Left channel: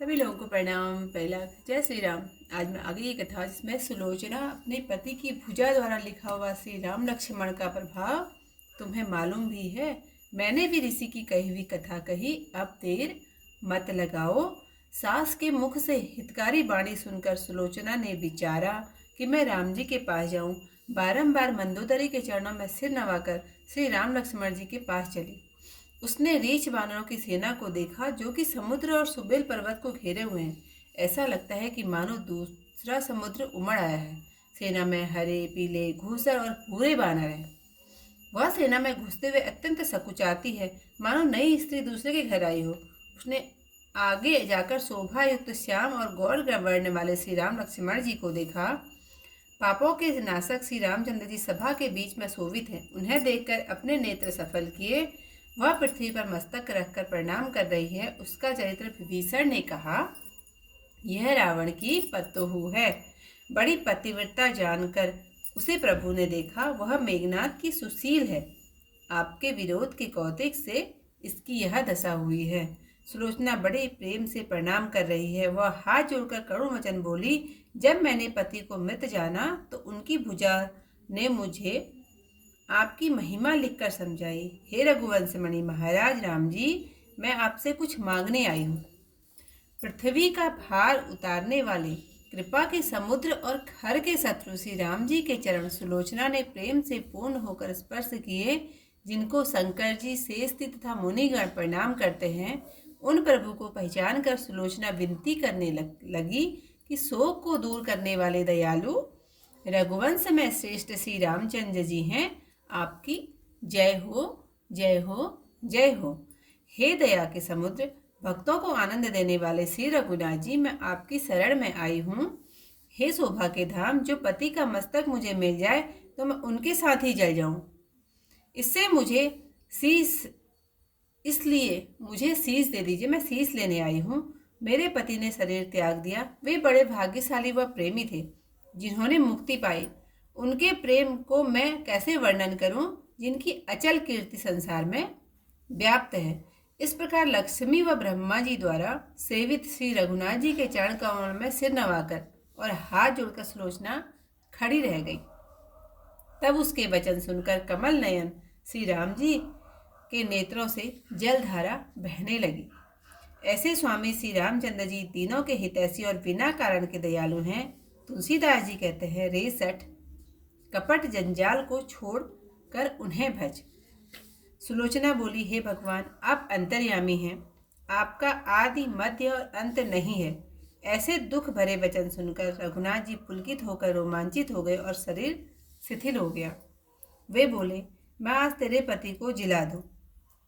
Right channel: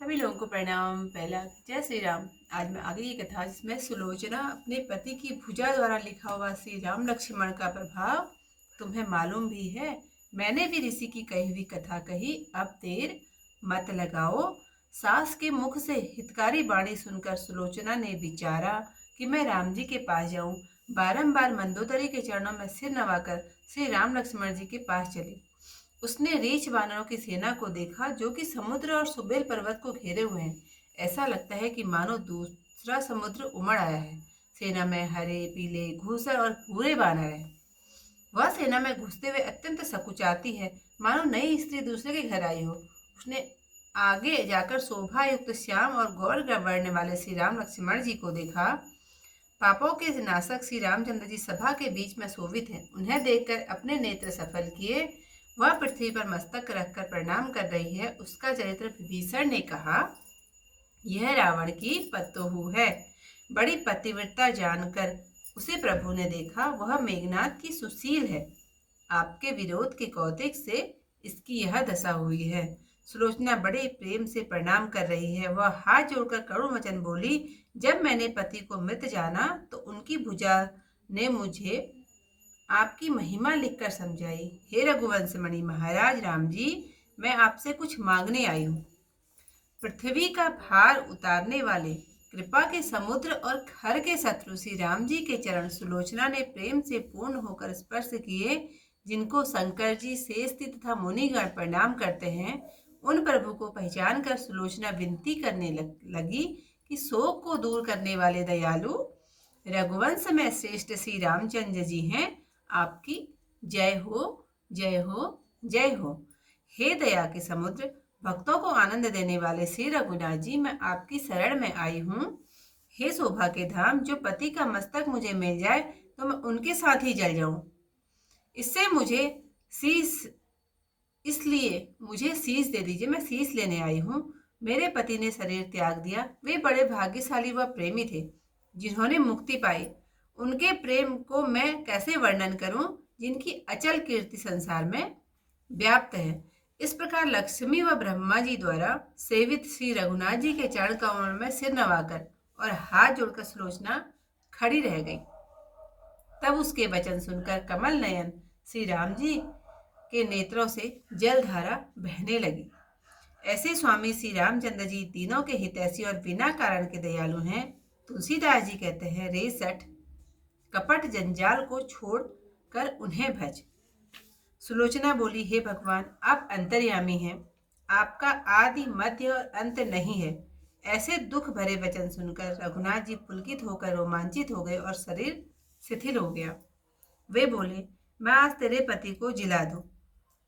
सभी लोगों को प्रणाम। पहला जय श्री राम। आज मैं आगे की कथा जिसमें सुलोचना अपने पति की भुजा द्वारा लिखा हुआ श्री राम लक्ष्मण का प्रभाव तुम्हें मालूम भी है। मैंने भी ऋषि की कही हुई कथा कही, अब देर मत लगाओ। सास के मुख से हितकारी वाणी सुनकर सुलोचना ने विचारा कि मैं राम जी के पास जाऊं। बारंबार मंदोदरी के चरणों में सिर नवाकर श्री राम लक्ष्मण जी के पास चली। उसने रीछ वानरों की सेना को देखा जो कि समुद्र और सुबेल पर्वत को घेरे हुए हैं। ऐसा लगता है कि मानो दूसरा समुद्र उमड़ आया है। सेना में हरे, पीले, घूसर और भूरे बानर हैं। वह सेना में घुसते हुए अत्यंत सकुचाती है, मानो नई स्त्री दूसरे के घर आई हो। उसने आगे जाकर शोभा युक्त श्याम और गौर वर्ण वाले श्री राम लक्ष्मण जी को देखा। पापों के नाशक श्री रामचंद्र जी सभा के बीच में शोभित हैं। उन्हें देखकर अपने नेत्र सफल किए वह पृथ्वी पर मस्तक रखकर प्रणाम कर रही है। उसका चरित्र विभीषण ने कहा, यह रावण की पतोहू है। बड़ी पतिव्रता जानकर उसे प्रभु ने देखा। वह मेघनाथ की सुशील है। आपके विरोध के कौतिक से इसकी यह दशा हुई है। सुलोचना बड़े प्रेम से प्रणाम कर रही है। वह हाथ जोड़कर करुण वचन बोली, जब मैंने पति को मृत जाना तो उनकी भुजा ने मुझे आपकी महिमा लिखकर समझाई। हे रघुवंश मणि महाराज राम जी, मैं आपसे कुछ मांगने आई हूँ। पृथ्वी का भार उतारने वाले, कृपा के समुद्र और खर के शत्रु श्री राम जी के चरण सुलोचना ने प्रेम से पूर्ण होकर स्पर्श किए। जिनको शंकर जी, शेषती तथा मुनिगण प्रणाम करते हैं, उन प्रभु को पहचान कर सुलोचना विनती करने लगी कि शोक को दूर करने वाले दयालु रघुवंश में श्रेष्ठ श्री रामचंद्र जी हैं। आपकी जय हो, जय हो, जय हो। हे दया के समुद्र, भक्तों को आनंद देने वाले श्री रघुनाथ जी, मैं आपकी शरण में आई हूँ। हे शोभा के धाम, जो पति का मस्तक मुझे मिल जाए तो मैं उनके साथ ही जल जाऊं। इससे मुझे शीश इसलिए मुझे शीश दे दीजिए, मैं शीश लेने आई हूँ। मेरे पति ने शरीर त्याग दिया। वे बड़े भाग्यशाली व प्रेमी थे जिन्होंने मुक्ति पाई। उनके प्रेम को मैं कैसे वर्णन करूं, जिनकी अचल कीर्ति संसार में व्याप्त है। इस प्रकार लक्ष्मी व ब्रह्मा जी द्वारा सेवित श्री रघुनाथ जी के चरण कमल में सिर नवाकर और हाथ जोड़कर सुलोचना खड़ी रह गई। तब उसके वचन सुनकर कमल नयन श्री राम जी के नेत्रों से जलधारा बहने लगी। ऐसे स्वामी श्री रामचंद्र जी तीनों के हितैषी और बिना कारण के दयालु हैं। तुलसीदास जी कहते हैं, रे सठ कपट जंजाल को छोड़ कर उन्हें भज। सुलोचना बोली, हे भगवान, आप अंतर्यामी हैं। आपका आदि मध्य और अंत नहीं है। ऐसे दुख भरे वचन सुनकर रघुनाथ जी पुलकित होकर रोमांचित हो गए और शरीर शिथिल हो गया। वे बोले, मैं आज तेरे पति को जिला दूं।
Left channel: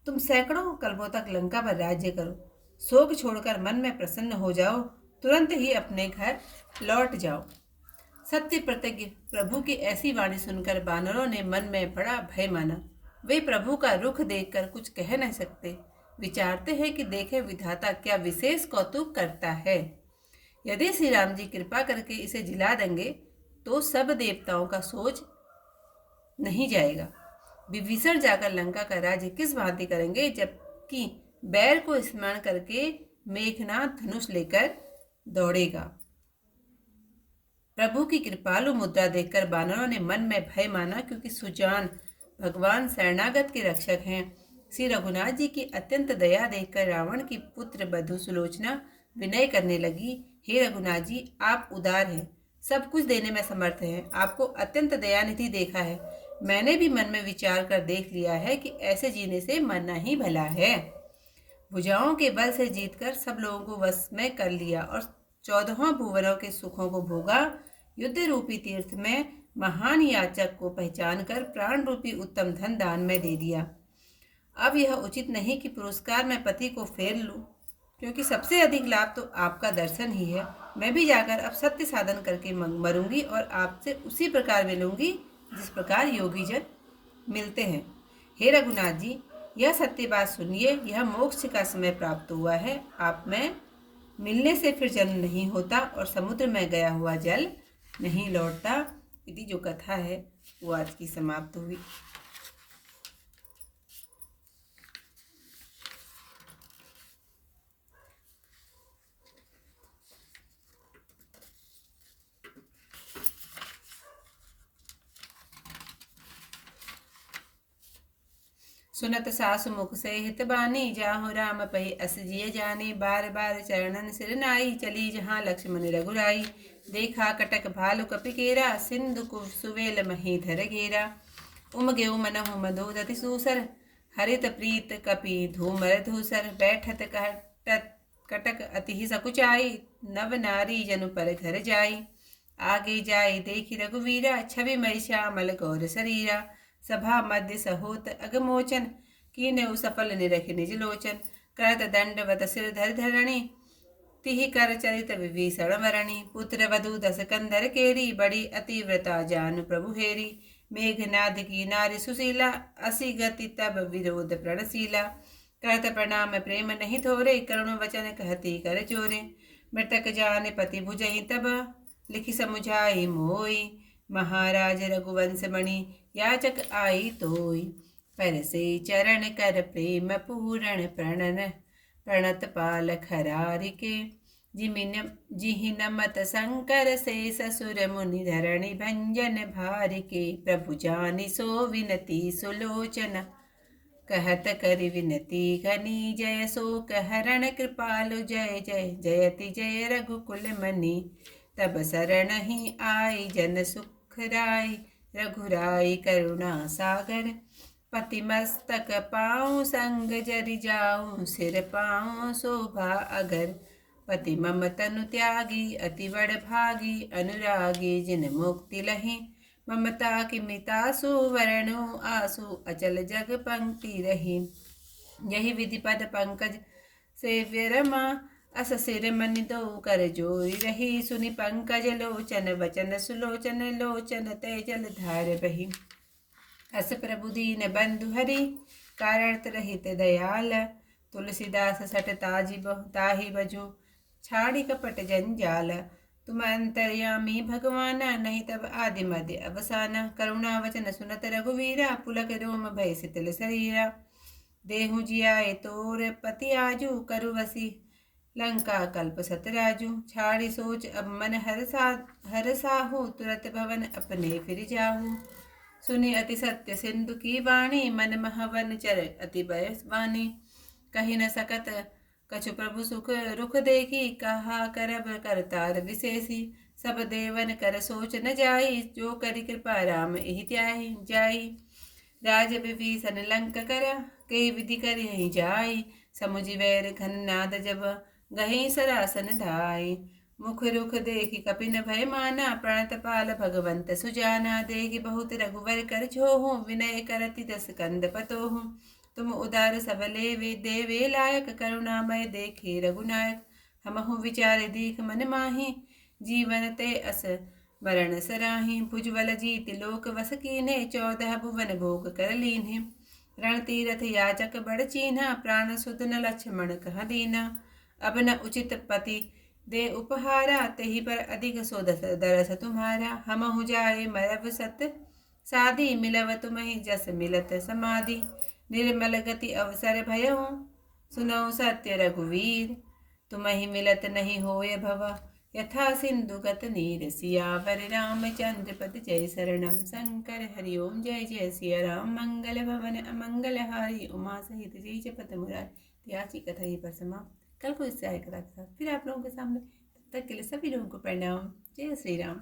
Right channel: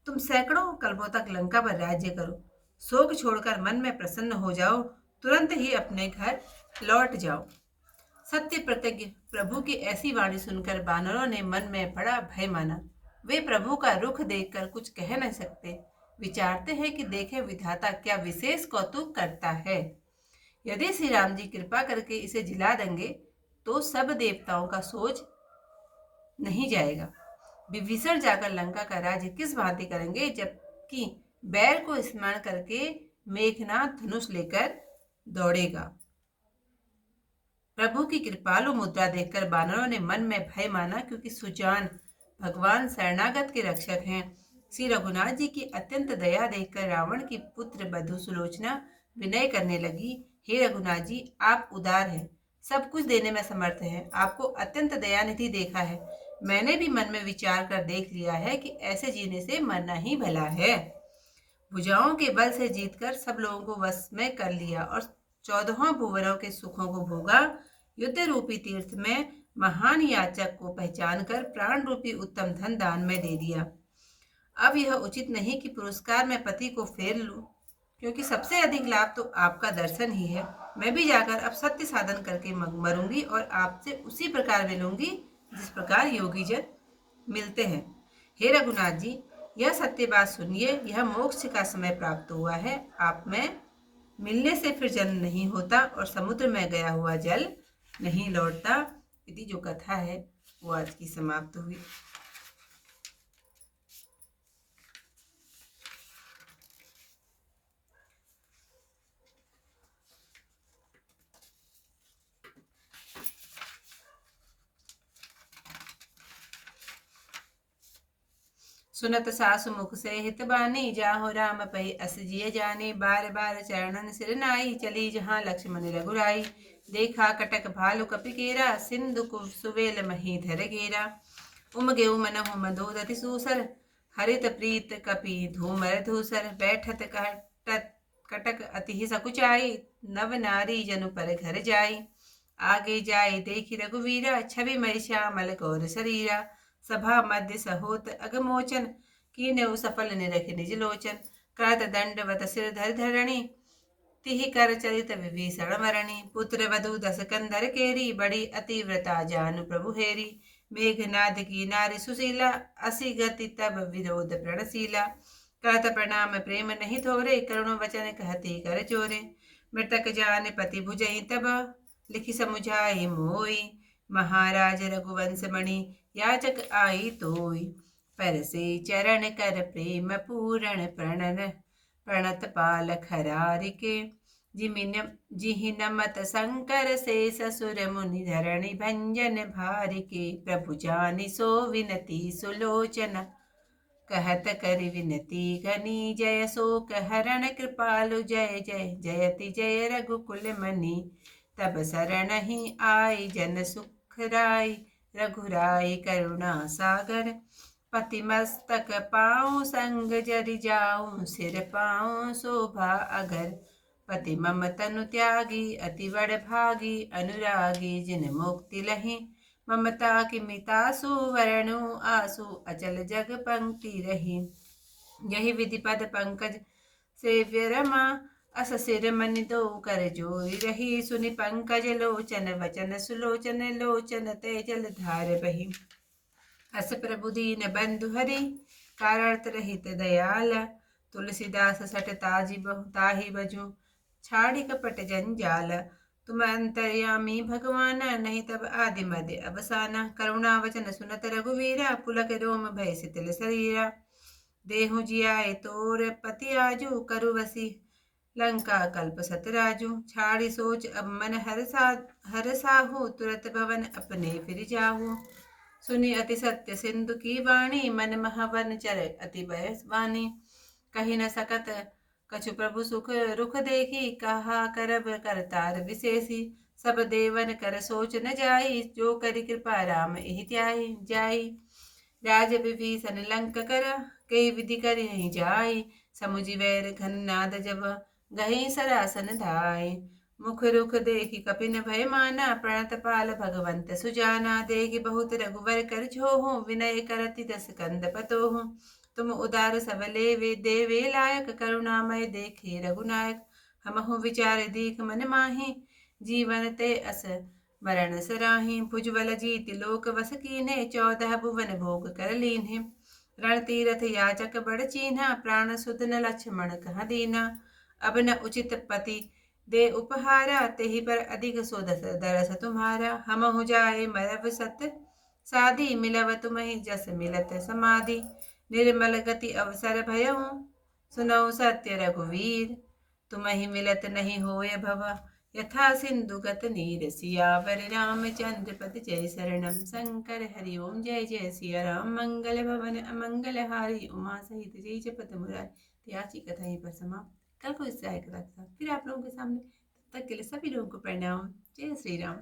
तुम सैकड़ों कल्पों तक लंका पर राज्य करो। शोक छोड़कर मन में प्रसन्न हो जाओ। तुरंत ही अपने घर लौट जाओ। सत्य प्रतिज्ञ प्रभु की ऐसी वाणी सुनकर बानरों ने मन में बड़ा भय माना। वे प्रभु का रुख देखकर कुछ कह नहीं सकते। विचारते हैं कि देखे विधाता क्या विशेष कौतुक करता है। यदि श्री राम जी कृपा करके इसे जिला देंगे तो सब देवताओं का सोच नहीं जाएगा। विभीषण जाकर लंका का राज्य किस भांति करेंगे, जबकि बैर को स्मरण करके मेघनाथ धनुष लेकर दौड़ेगा। प्रभु की कृपालु मुद्रा देखकर बानरों ने मन में भय माना, क्योंकि सुजान भगवान शरणागत के रक्षक हैं। श्री रघुनाथ जी की अत्यंत दया देखकर रावण की पुत्र बधु सुलोचना विनय करने लगी, हे रघुनाथ जी, आप उदार हैं, सब कुछ देने में समर्थ हैं। आपको अत्यंत दयानिधि देखा है। मैंने भी मन में विचार कर देख लिया है कि ऐसे जीने से मरना ही भला है। भुजाओं के बल से जीतकर सब लोगों को वश में कर लिया और 14 भुवनों के सुखों को भोगा। युद्ध रूपी तीर्थ में महान याचक को पहचान कर प्राण रूपी उत्तम धन दान में दे दिया। अब यह उचित नहीं कि पुरस्कार में पति को फेर लूं, क्योंकि सबसे अधिक लाभ तो आपका दर्शन ही है। मैं भी जाकर अब सत्य साधन करके मरूंगी और आपसे उसी प्रकार मिलूंगी जिस प्रकार योगी जन मिलते हैं। हे रघुनाथ जी, यह सत्य बात सुनिए। यह मोक्ष का समय प्राप्त हुआ है। आप में मिलने से फिर जन्म नहीं होता और समुद्र में गया हुआ जल नहीं लौटता। इति जो कथा है वो आज की समाप्त हुई। सुनत सासु मुख से हित बानी, जाहु राम पही अस जिय जानी। बार बार चरणन सिर नाई, चली जहाँ लक्ष्मण रघुराई। देखा कटक भालु कपि केरा, सिंधु सुवेल मही धर घेरा। उमगेउ मनहु मधुदति सूसर, हरित प्रीत कपि धूमर धूसर। बैठत कटक अति सकुचाई, नव नारी जनु पर घर जाई। आगे जाई देखी रघुवीरा, छवि मई श्यामल गौर शरीरा। सभा मध्य सहोत अगमोचन, कीन्हु सफल निरख निज लोचन। करत दंडवत सिर धर धरणी, तिहि कर चरित विभीषण मरणि। पुत्र वधु दस कंधर केरी, बड़ी अतिव्रता जानु प्रभु हेरी। मेघनाद की नारी सुशीला, असी गति तब विरोध प्रणशीला। करत प्रणाम प्रेम नहीं थोरे, करुण वचन कहती कर चोरे। मृतक जान पति भुजई तब, लिखि समुझाई मोई। महाराज रघुवंश मणि, याचक आई तोई। पर से चरण कर प्रेम पूरण, प्रणत पाल खरारिके। जिहि नमत शंकर से, ससुर मुनि धरणि भंजन भारिके। प्रभु जानि सो विनती सुलोचन, कहत करि विनती घनी। जय शोक हरण कृपालु, जय जय जयति जय रघुकुल मनि। तब शरण ही आई, जन सुख राई। रघुराई करुणा सागर, पति मस्तक पाऊँ संग जरि जाऊँ। सिर पाऊँ शोभा अगर, पति मम तनु त्यागी। अति बड़ भागी, अनुरागी जिन मुक्ति लही। ममता की मितासु, वरणु आसु। अचल जग पंक्ति रही। यही विधि पद पंकज सेव्य रमा, अस सिर मनि दो कर जोई रही। सुनि पंकज लोचन वचन, सुलोचन लोचन ते जल धार बही। अस प्रभु दीन बंधु हरि, कारत रहित दयाल। तुलसीदास सट ताहि बजूं, छाड़ी कपट जंजाल। तुम अंतर्यामी भगवाना, नहीं तब आदि मध्य अवसाना। करुणा वचन सुनत रघुवीरा, पुलक रोम भय शिथिल शरीरा। देहु जियाए तोर पति आजू, करु वसी लंका कल्प सतराजू। छाड़ी सोच अब मन हर साहू, तुरत भवन अपने फिर जाहू। सुनि अति सत्य सिंधु की वाणी, मन महवन चर अति बयसवानी। कही न सकत कछु प्रभु सुख रुख देखी, कहा करब करतार विशेषी। सब देवन कर सोच न जाई, जो करि कृपा राम एहि जाई। राज विभीषण लंक कर, के विधि कर यहीं जाई। समुझि वैर घन नाद जब, गहीं सरासन धाई। मुख रुख देखि कपिन भय माना, प्रणत पाल भगवंत सुजाना। देखि बहुत रघुवर कर छोहु, विनय करति दस कंद पतोहु। तुम उदार सबले वे देवे लायक, करुणामय देखे रघुनायक। हमहु विचार दीख मन माही, जीवन ते अस मरण सराही। भुजबल जीत लोक वस कीन्हे, 14 भुवन भोग कर लीन्हे। रण तीरथ याचक बड़ चीन्हा, प्राण सुध न लक्ष्मण कहा दीना। अब न उचित पति दे उपहारा, तेहि पर अधिक सो दरस तुम्हारा। हमहु जाए मरब सत साधी, मिलव तुम्हि जस मिलत समाधि। निर्मल गति अवसर भयहु, सुनौ सत्य रघुवीर। तुम्हि मिलत नहीं होय भव, यथा सिंधु गत नीर। सियावर रामचंद्र पद जय, शरणम शंकर हरि ओम। जय जय सिया राम, मंगल भवन अमंगल हारी। उमा सहित जय जपत मुरारी। आज की कथा यहीं पर समाप्त। कल को इससे आए कथा के साथ फिर आप लोगों के सामने। तब तक के लिए सभी लोगों को प्रणाम। जय श्री राम।